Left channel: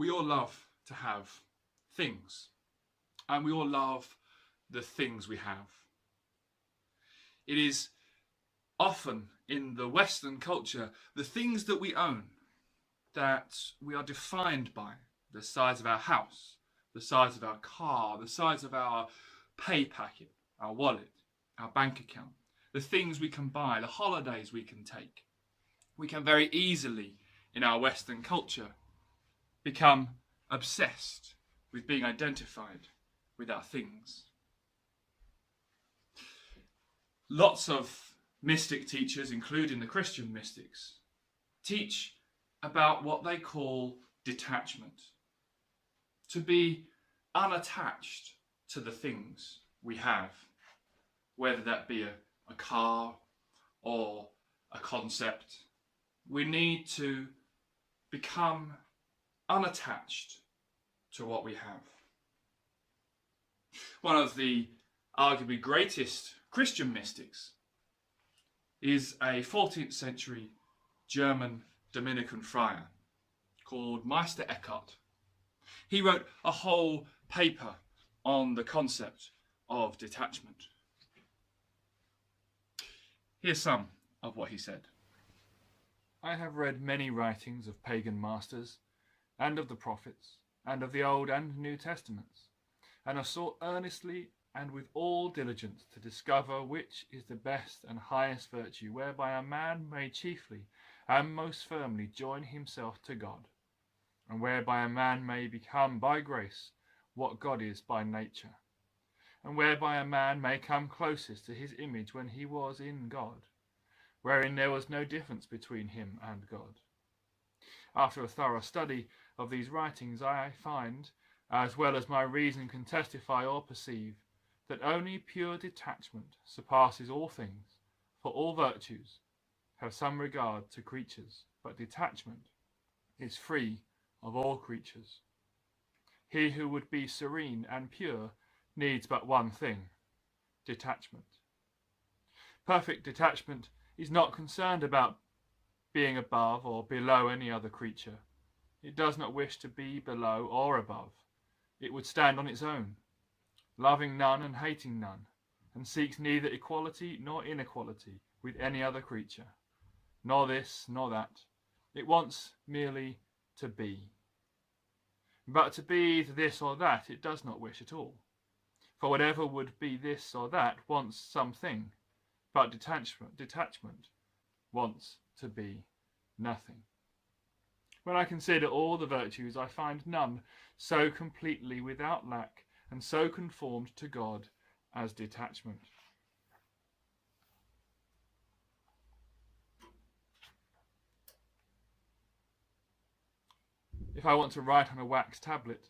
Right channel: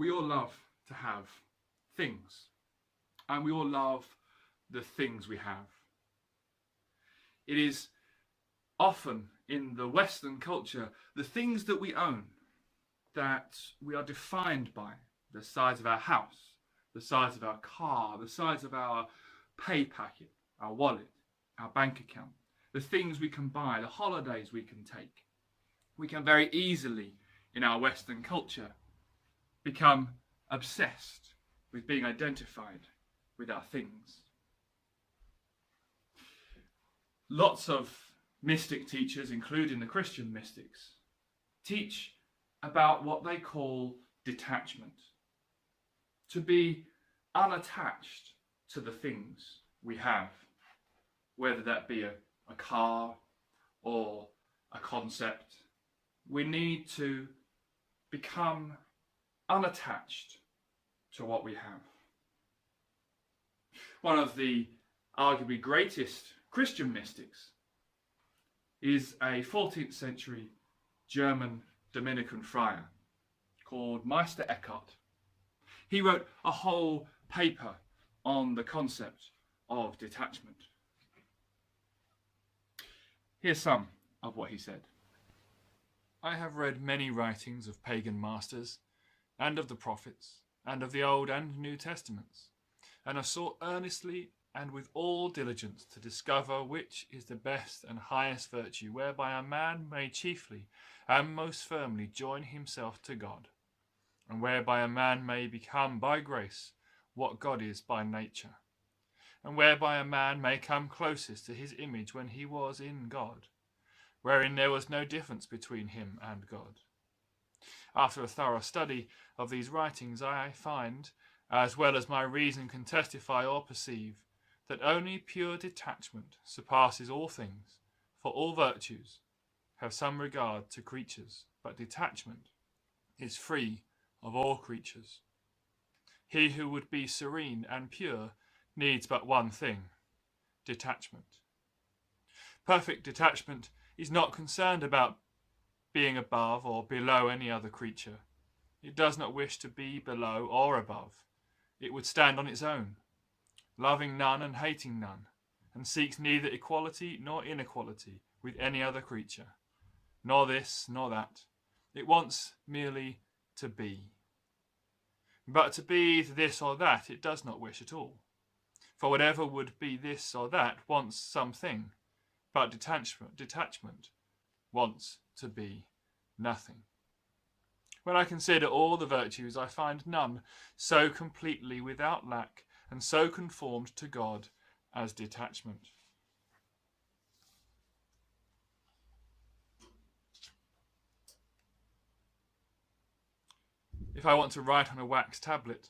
We all love to have things, and we all love the things we have. It is often in the Western culture the things that we own that we are defined by: the size of our house, the size of our car, the size of our pay packet, our wallet, our bank account, the things we can buy, the holidays we can take. We can very easily, in our Western culture, become obsessed with being identified with our things. Lots of mystic teachers, including the Christian mystics, teach about what they call detachment. To be unattached to the things we have, whether that be a car or a concept. We need to become unattached to what we have. One of the arguably greatest Christian mystics is a 14th century German Dominican friar called Meister Eckhart. He wrote a whole paper on the concept of detachment. Here's some of what he said. I have read many writings of pagan masters, and of the prophets, and of the Old and New Testaments, and have sought earnestly and with all diligence to discover which is the best and highest virtue, whereby a man may chiefly and most firmly join himself to God, and whereby a man may become by grace what God is by nature, and whereby a man may come closest to his image when he was in God, wherein there was no difference between him and God. After a thorough study of these writings, I find, as well as my reason can testify or perceive, that only pure detachment surpasses all things, for all virtues have some regard to creatures, but detachment is free of all creatures. He who would be serene and pure needs but one thing: detachment. Perfect detachment is not concerned about being above or below any other creature. It does not wish to be below or above. It would stand on its own, loving none and hating none, and seeks neither equality nor inequality with any other creature, nor this nor that. It wants merely to be. But to be either this or that it does not wish at all. For whatever would be this or that wants something, but detachment wants to be nothing. When I consider all the virtues, I find none so completely without lack and so conformed to God as detachment. If I want to write on a wax tablet,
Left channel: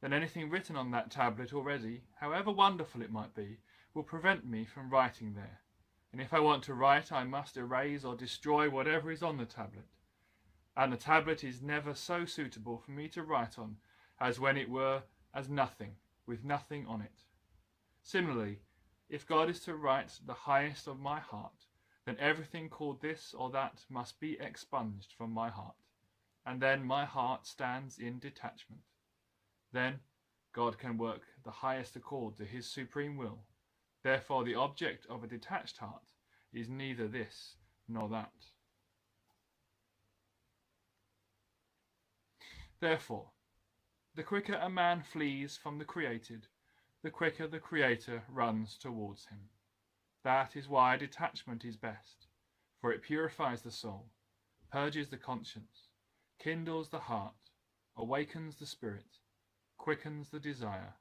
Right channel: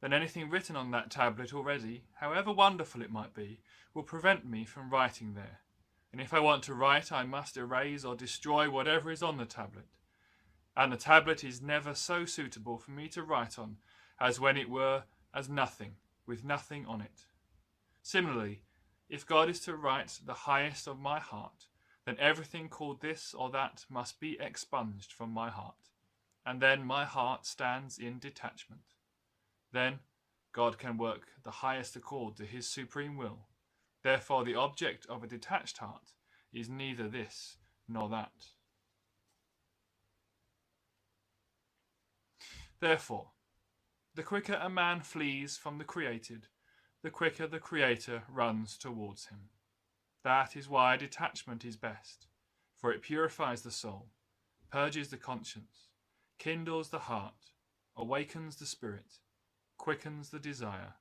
then anything written on that tablet already, however wonderful it might be, will prevent me from writing there. And if I want to write, I must erase or destroy whatever is on the tablet. And the tablet is never so suitable for me to write on as when it were as nothing, with nothing on it. Similarly, if God is to write the highest of my heart, then everything called this or that must be expunged from my heart, and then my heart stands in detachment. Then God can work the highest accord to his supreme will. Therefore the object of a detached heart is neither this nor that. Therefore, the quicker a man flees from the created, the quicker the Creator runs towards him. That is why detachment is best, for it purifies the soul, purges the conscience, kindles the heart, awakens the spirit, quickens the desire,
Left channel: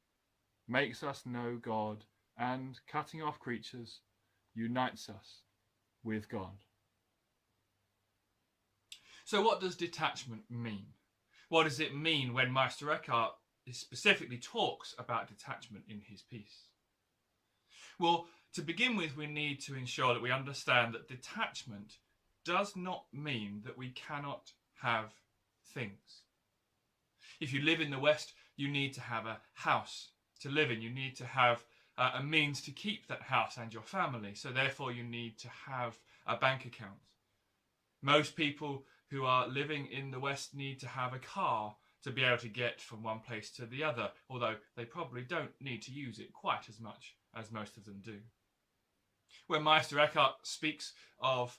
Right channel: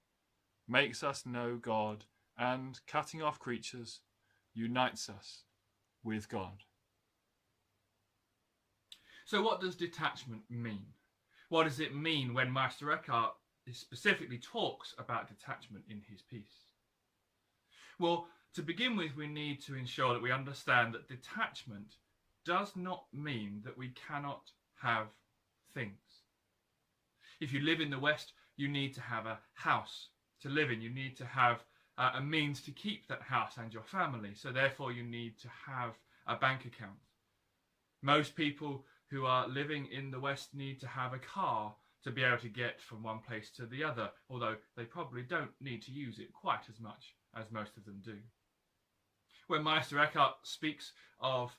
makes us know God, and, cutting off creatures, unites us with God. So what does detachment mean? What does it mean when Meister Eckhart specifically talks about detachment in his piece? Well, to begin with, we need to ensure that we understand that detachment does not mean that we cannot have things. If you live in the West, you need to have a house to live in. You need to have a means to keep that house and your family. So therefore you need to have a bank account. Most people who are living in the West need to have a car to be able to get from one place to the other, although they probably don't need to use it quite as much as most of them do. When Meister Eckhart speaks of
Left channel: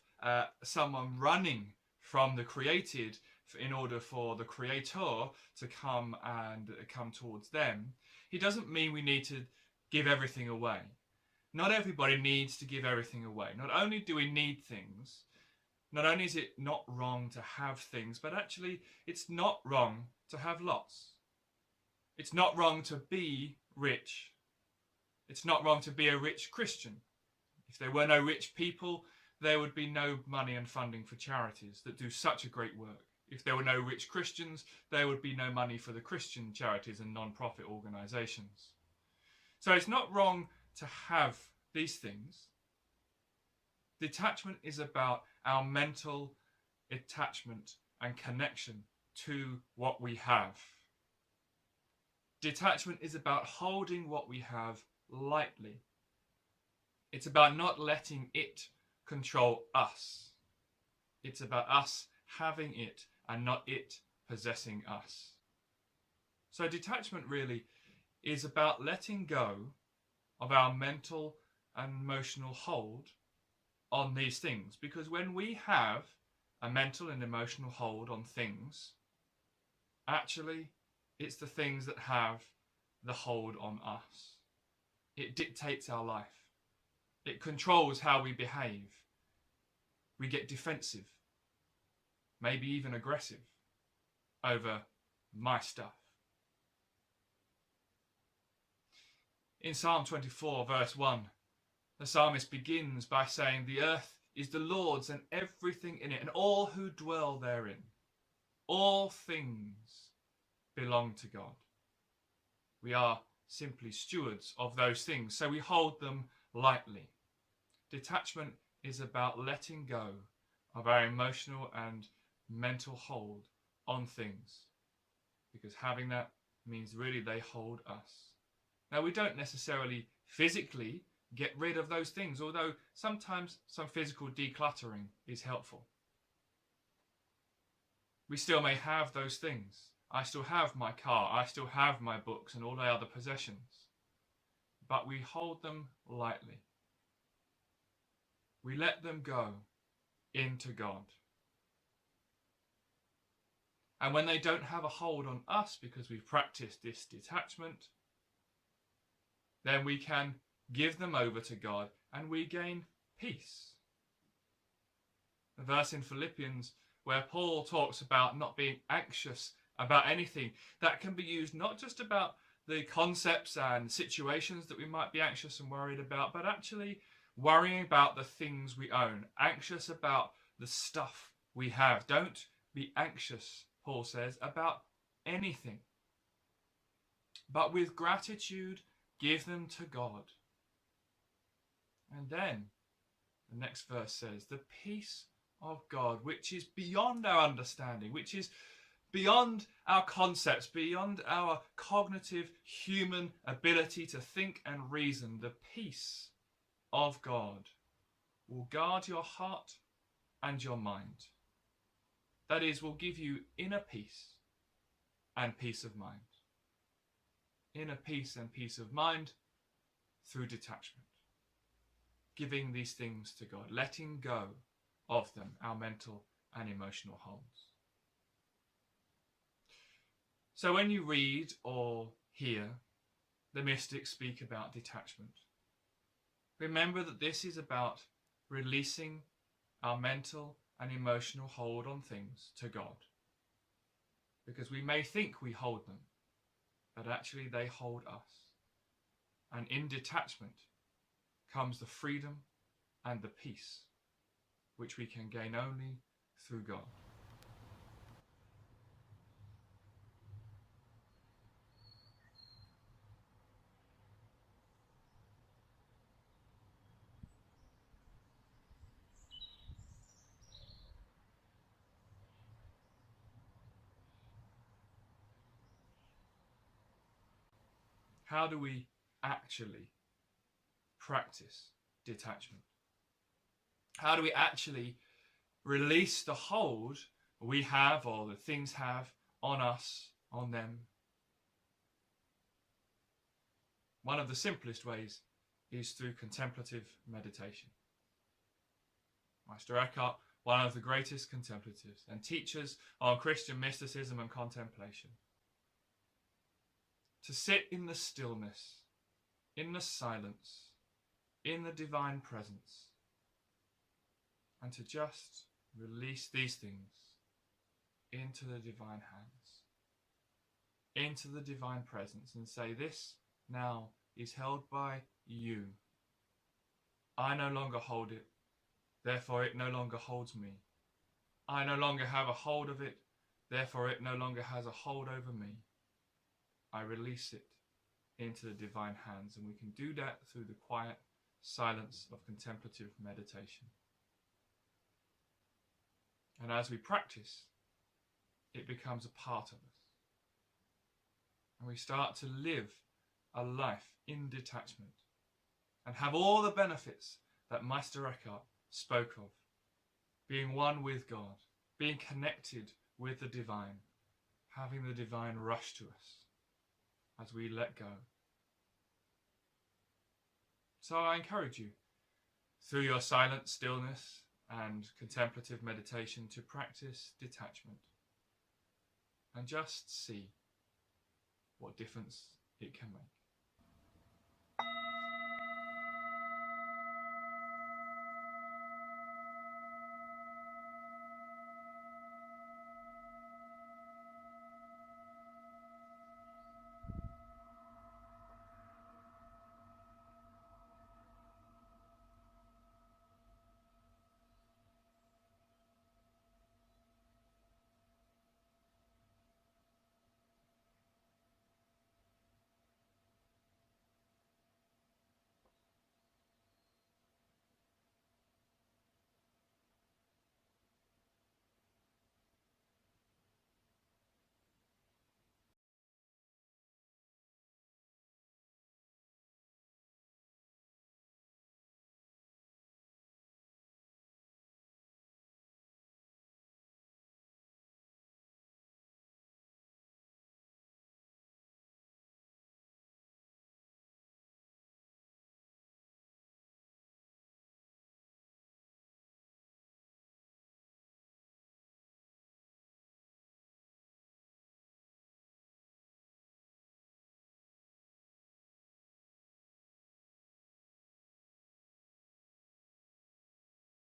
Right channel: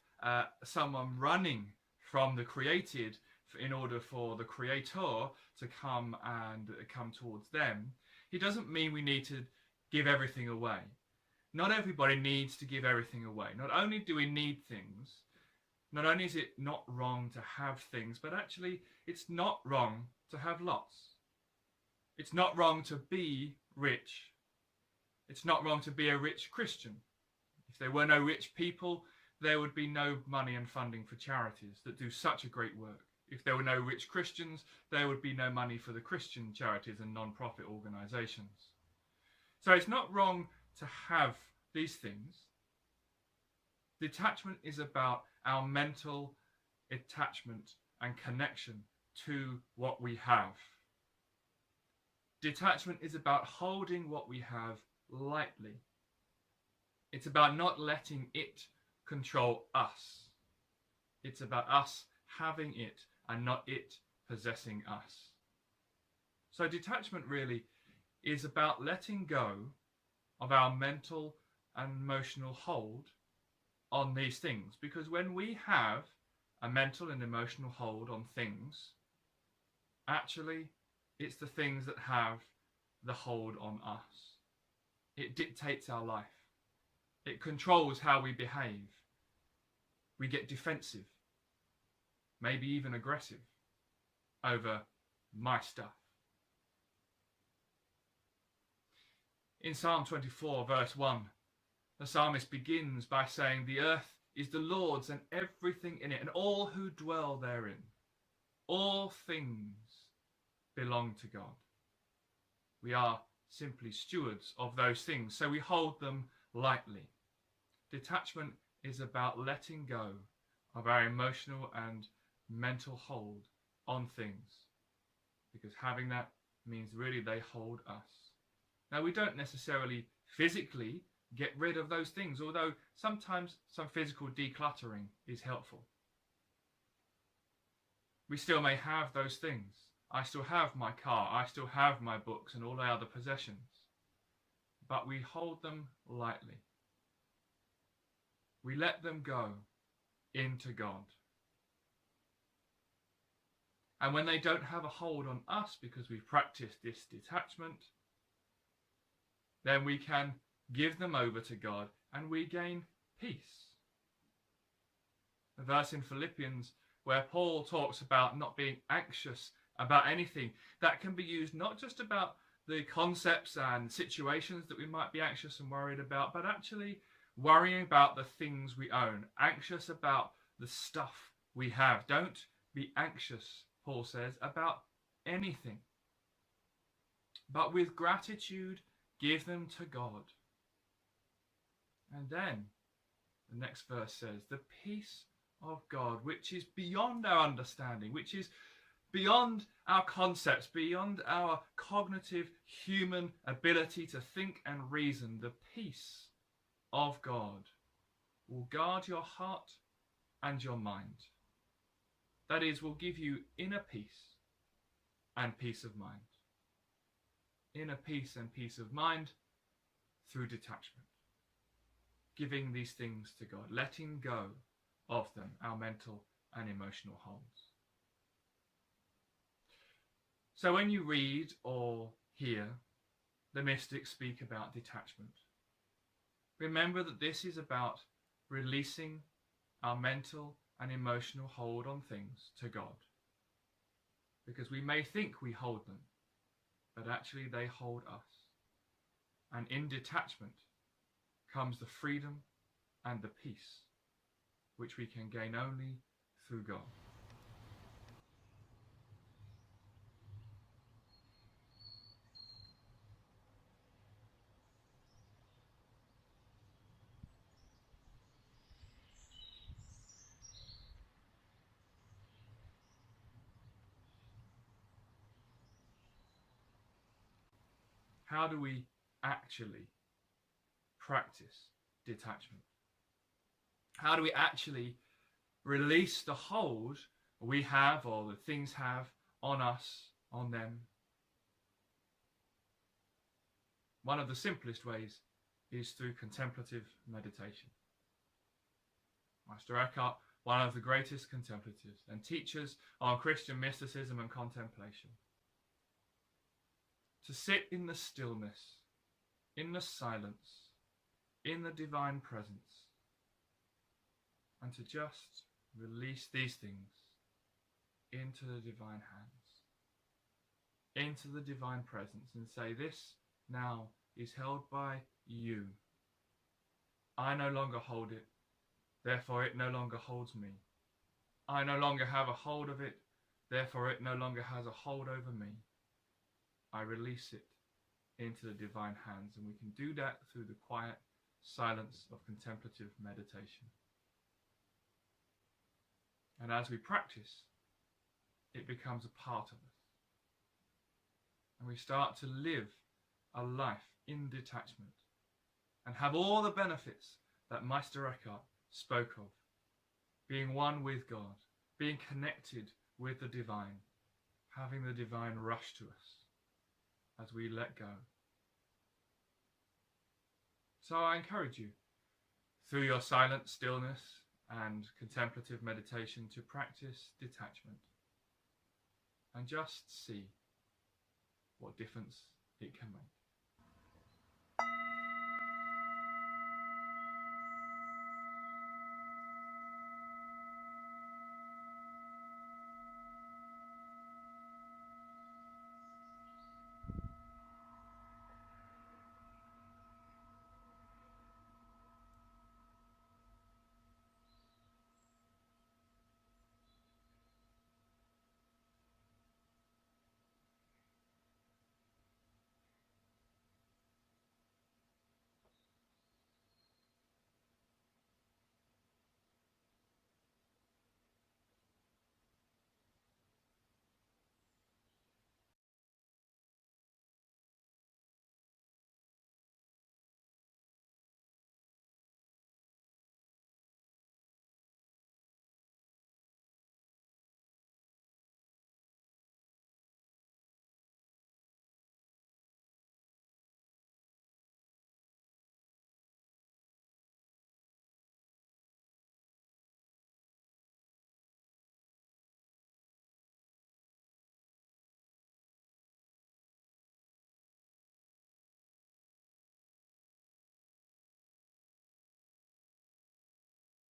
someone running from the created in order for the creator to come towards them, he doesn't mean we need to give everything away. Not everybody needs to give everything away. Not only do we need things, not only is it not wrong to have things, but actually it's not wrong to have lots. It's not wrong to be rich. It's not wrong to be a rich Christian. If there were no rich people, there would be no money and funding for charities that do such a great work. If there were no rich Christians, there would be no money for the Christian charities and non-profit organisations. So it's not wrong to have these things. Detachment is about our mental attachment and connection to what we have. Detachment is about holding what we have lightly. It's about not letting it control us. It's about us having it and not it possessing us. So detachment really is about letting go of our mental and emotional hold on these things. Because when we have a mental and emotional hold on things, actually it's the things that have the hold on us. It dictates our life. It controls how we behave. We get defensive, maybe even aggressive, over my stuff. In Psalm 24, verse 1, the psalmist begins by saying, "The earth is the Lord's and everything in it, and all who dwell therein. All things belong to God." We are simply stewards of those things, so we hold them lightly. Detachment is about letting go of our emotional and mental hold on things, because having that means really they hold us. Now, we don't necessarily physically get rid of those things, although sometimes some physical decluttering is helpful. We still may have those things. I still have my car, I still have my books and all my other possessions, but we hold them lightly. We let them go into God. And when they don't have a hold on us because we've practiced this detachment, then we can give them over to God and we gain peace. The verse in Philippians where Paul talks about not being anxious about anything, that can be used not just about the concepts and situations that we might be anxious and worried about, but actually worrying about the things we own, anxious about the stuff we have. Don't be anxious, Paul says, about anything, but with gratitude give them to God. And then the next verse says, "The peace of God, which is beyond our understanding, which is beyond our concepts, beyond our cognitive human ability to think and reason, the peace of God will guard your heart and your mind." That is, will give you inner peace and peace of mind. Inner peace and peace of mind through detachment. Giving these things to God, letting go of them, our mental and emotional holds. So when you read or hear the mystics speak about detachment, remember that this is about releasing our mental and emotional hold on things to God. Because we may think we hold them, but actually they hold us. And in detachment comes the freedom and the peace, which we can gain only through God. How do we actually practice detachment? How do we actually release the hold we have or the things have on us on them. One of the simplest ways is through contemplative meditation. Meister Eckhart, one of the greatest contemplatives and teachers on Christian mysticism and contemplation. To sit in the stillness, in the silence, in the divine presence, and to just release these things into the divine hands, into the divine presence, and say, this now is held by you. I no longer hold it, therefore it no longer holds me. I no longer have a hold of it, therefore it no longer has a hold over me. I release it into the divine hands, and we can do that through the quiet silence of contemplative meditation. And as we practice, it becomes a part of us. And we start to live a life in detachment and have all the benefits that Meister Eckhart spoke of. Being one with God, being connected with the divine, having the divine rush to us as we let go. So I encourage you, through your silent stillness and contemplative meditation, to practice detachment and just see what difference it can make.